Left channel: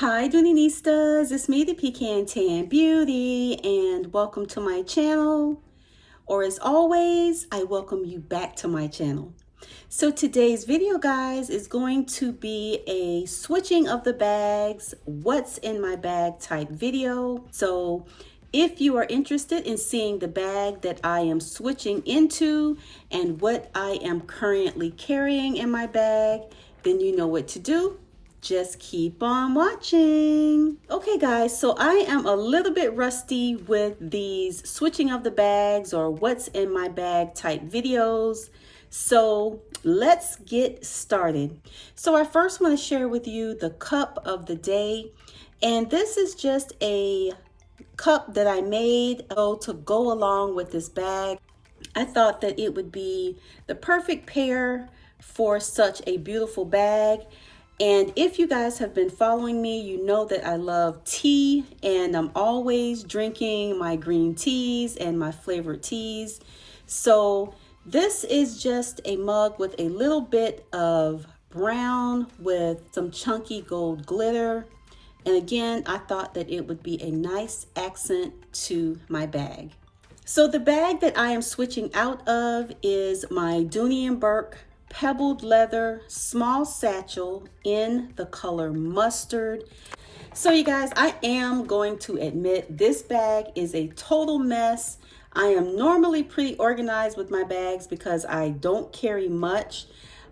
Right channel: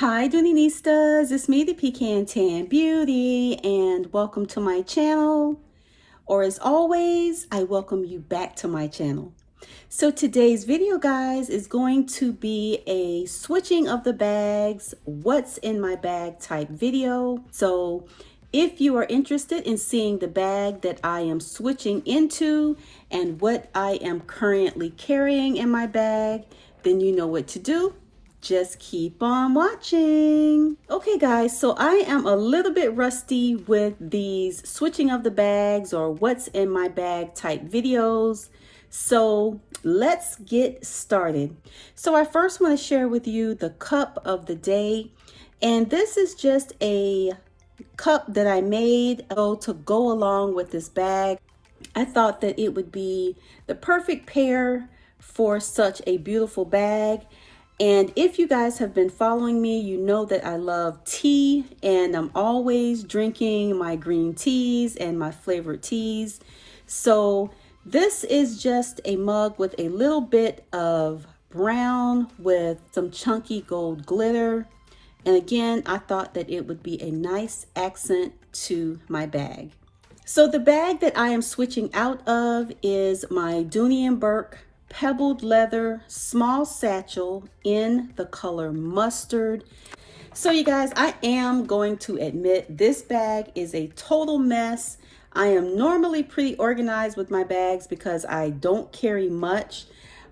Hi Doonistas, it's me the Pecan Tan Beauty and welcome to my channel, or as always I welcome you back to my channel. So today's video guys is going to be a switching of the bags, what's in my bag type video. So if you are interested in seeing the bag that I am switching into and what I am currently carrying in my bag, then you know what to do. Just keep on watching. Okay guys, so I am a little bit rusty with these switching of the bags or what's in my bag type videos. So let's get started. So I first want to share with you the cup of the day. And this is just a cup that I made to go along with this bag. I thought that it would be the perfect pair for such a beautiful bag. And if you guys have been following me, you know that I love tea and I'm always drinking my green teas and my flavored teas. So this is just a mug with a little bit of brown with some chunky gold glitter. And again, I thought that it would be a nice accent to my bag. So the bag that I am switching out of is my Dooney Bourke pebbled leather small satchel in the color mustard. So you guys, I am going to admit this bag is a total mess. I am normally pretty organized with my bags because I don't carry much,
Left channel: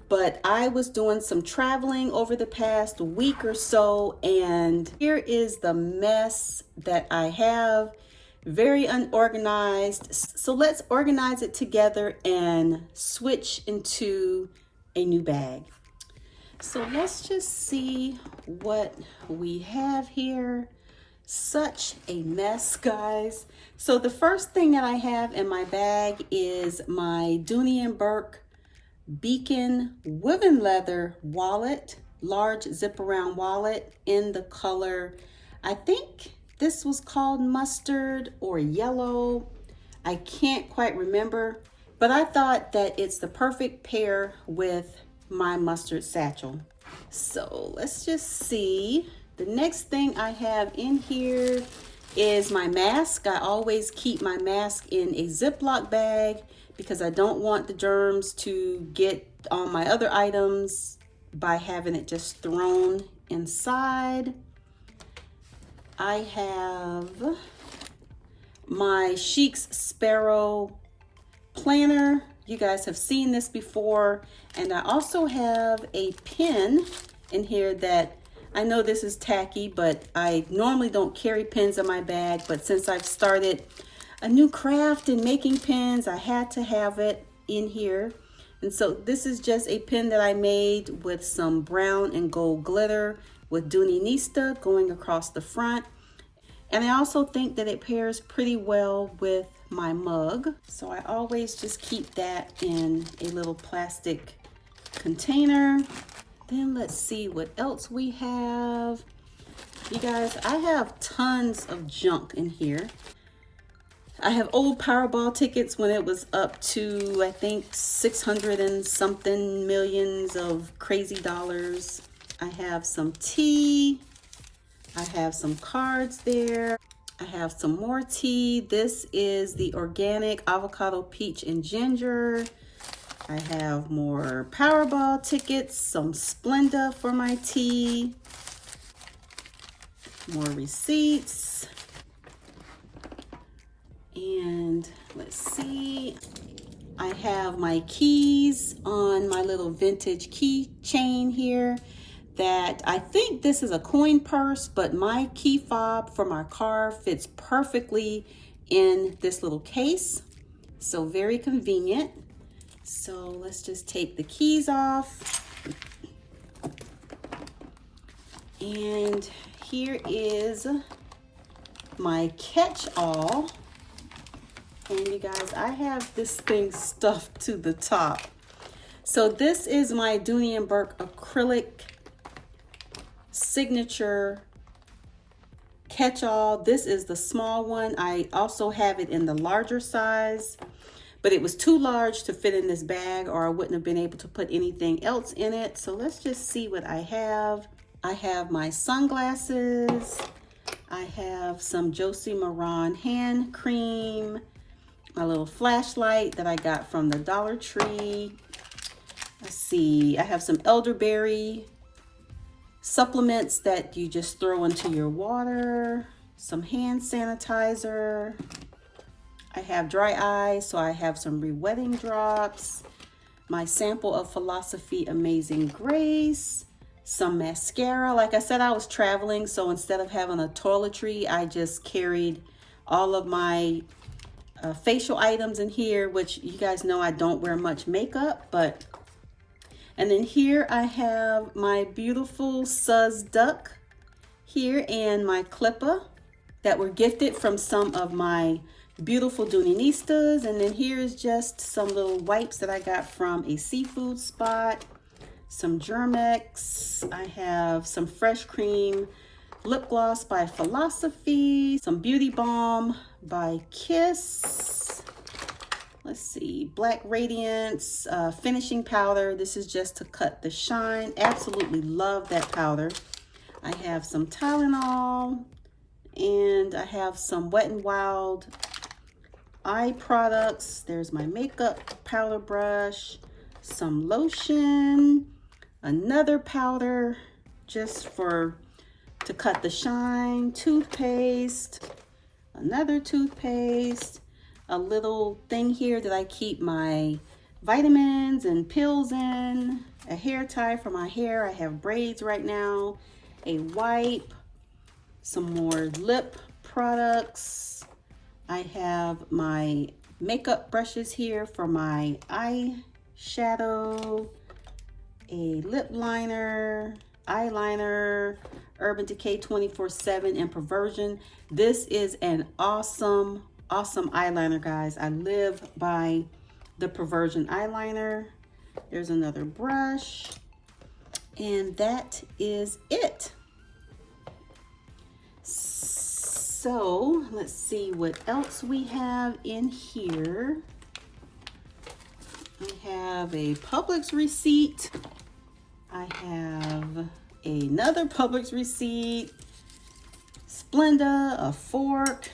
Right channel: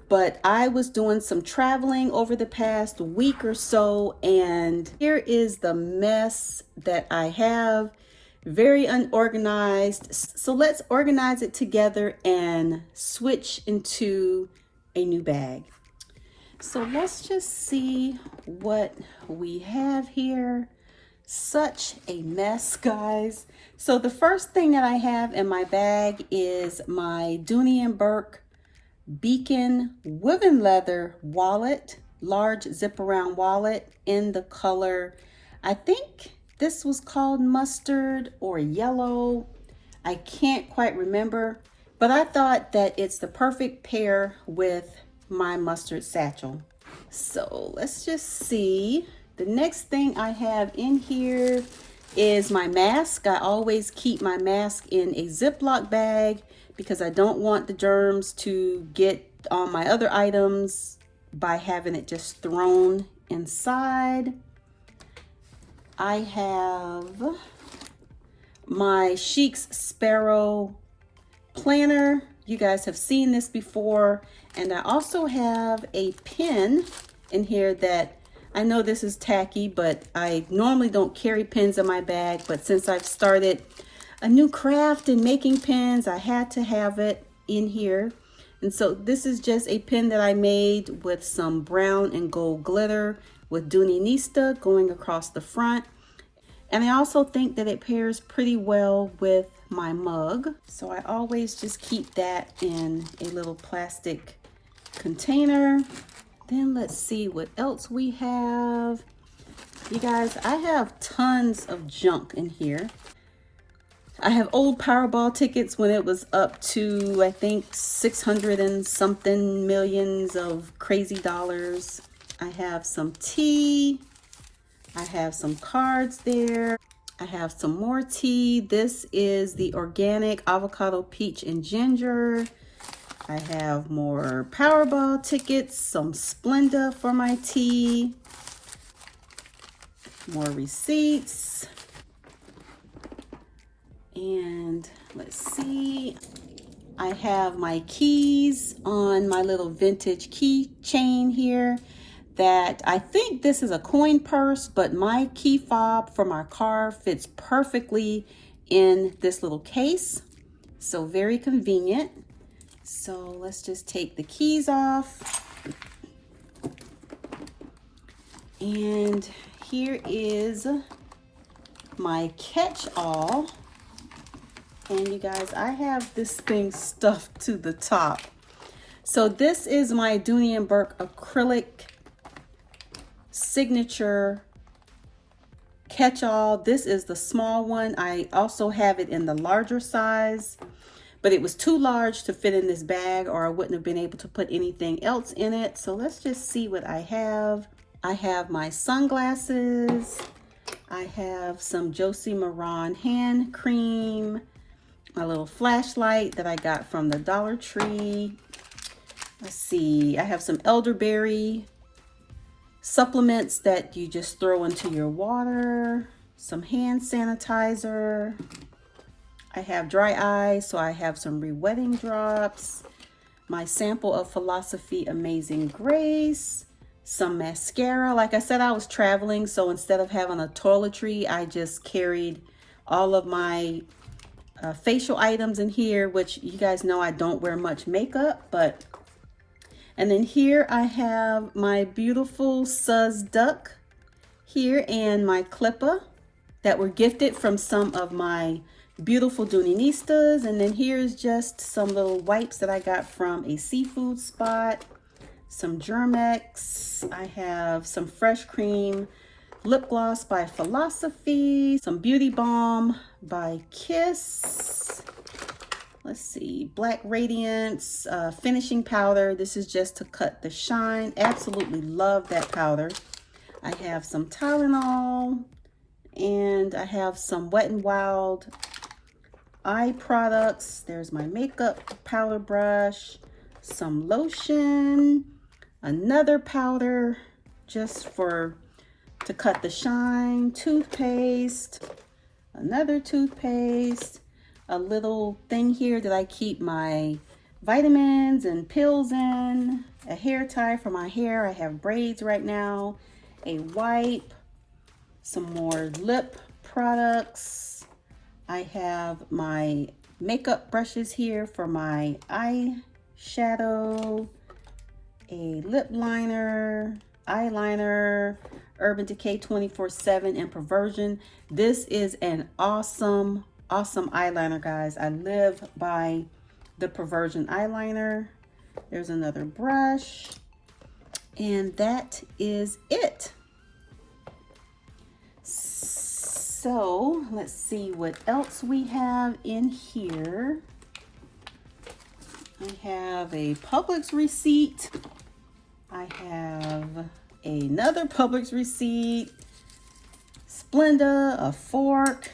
but I was doing some traveling over the past week or so, and here is the mess that I have. Very unorganized. So let's organize it together and switch into a new bag. So let's just see what we have here. Such a mess, guys. So the first thing that I have in my bag is my Dooney Bourke Beacon woven leather wallet, large zip around wallet in the color, I think this was called mustard or yellow. I can't quite remember, but I thought that it's the perfect pair with my mustard satchel. So let's just see. The next thing I have in here is my mask. I always keep my mask in a Ziploc bag because I don't want the germs to get on my other items by having it just thrown inside. I have my Chic Sparrow planner. You guys have seen this before. And I also have a pen in here that I know this is tacky, but I normally don't carry pens in my bag. But since I've started a new craft in making pens, I had to have it in here. And so this is just a pen that I made with some brown and gold glitter with Dooney going across the front. And I also think that it pairs pretty well with my mug. So I always just keep that in a little plastic container. Then let's see what else we have. You guys, I have tons of junk in here. I have old Powerball tickets when it was up to, I think, 600 and something millions of crazy dollars. I have some tea. I have some cards there. I have some more tea. This is the organic avocado, peach, and ginger. I have more Powerball tickets, some Splenda for my tea, more receipts. And let's see, I have my keys on my little vintage key chain here that I think this is a coin purse, but my key fob from our car fits perfectly in this little case. So very convenient. So let's just take the keys off. And here is my catch-all. And you guys, I have this thing stuffed to the top. So this is my Dooney Bourke acrylic signature catch-all. This is the small one. I also have it in the larger size, but it was too large to fit in this bag or I wouldn't have been able to put anything else in it. So let's just see what I have. I have my sunglasses. I have some Josie Maran hand cream, my little flashlight that I got from the Dollar Tree. Let's see, I have some elderberry supplements that you just throw into your water, some hand sanitizer. I have dry eyes, so I have some re-wetting drops, my sample of Philosophy Amazing Grace, some mascara. Like I said, I was traveling, so instead of having a toiletry, I just carried all of my facial items in here, which you guys know I don't wear much makeup, but and then here I have my beautiful Suz Duck here and my Clipper that were gifted from some of my beautiful Doonieistas. And then here is just some little wipes that I got from a seafood spot, some Germex. I have some Fresh Cream lip gloss by Philosophy, some Beauty Balm by Kiss. Let's see, Black Radiance finishing powder. This is just to cut the shine. Absolutely love that powder. I have some Tylenol, and I have some Wet n Wild eye products. There's my makeup powder brush, some lotion, another powder just to cut the shine, toothpaste, another toothpaste, a little thing here that I keep my vitamins and pills in, a hair tie for my hair. I have braids right now, a wipe, some more lip products. I have my makeup brushes here for my eyeshadow, a lip liner, eyeliner, Urban Decay 24/7 and Perversion. This is an awesome eyeliner, guys. I live by the Perversion eyeliner. There's another brush, and that is it. So let's see what else we have in here. I have a Publix receipt. I have another Publix receipt, Splenda, a fork.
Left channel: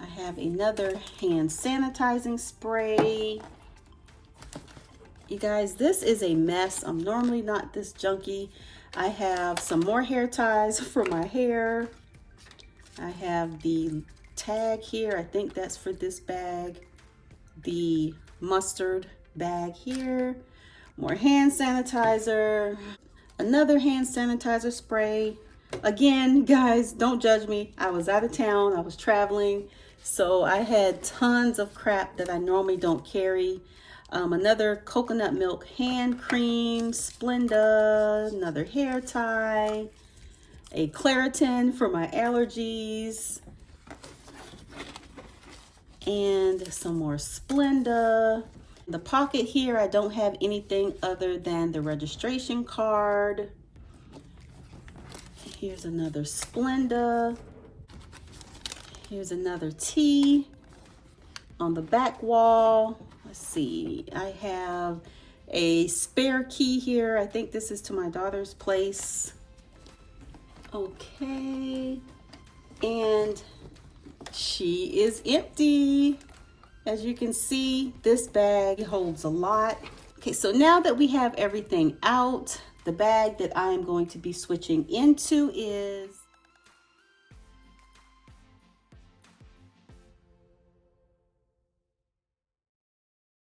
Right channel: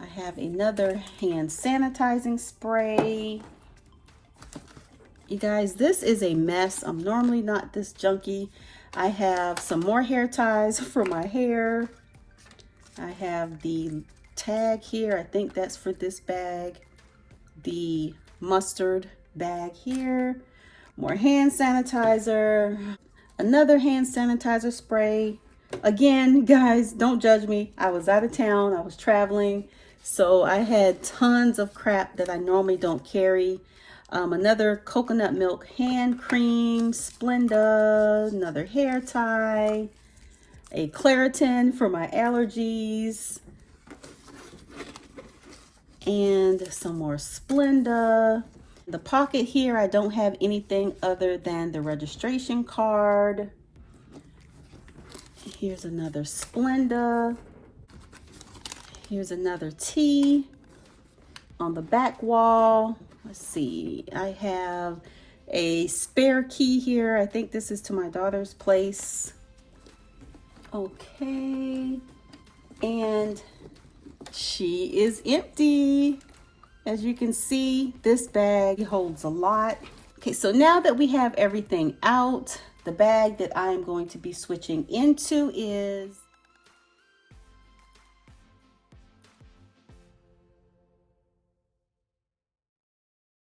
I have another hand sanitizing spray. You guys, this is a mess. I'm normally not this junky. I have some more hair ties for my hair. I have the tag here. I think that's for this bag. The mustard bag here. More hand sanitizer. Another hand sanitizer spray. Again, guys, don't judge me. I was out of town. I was traveling. So I had tons of crap that I normally don't carry. Another coconut milk hand cream, Splenda, another hair tie, a Claritin for my allergies, and some more Splenda. The pocket here, I don't have anything other than the registration card. Here's another Splenda. Here's another tea on the back wall. Let's see, I have a spare key here. I think this is to my daughter's place. Okay, and she is empty. As you can see, this bag holds a lot. Okay, so now that we have everything out, the bag that I am going to be switching into is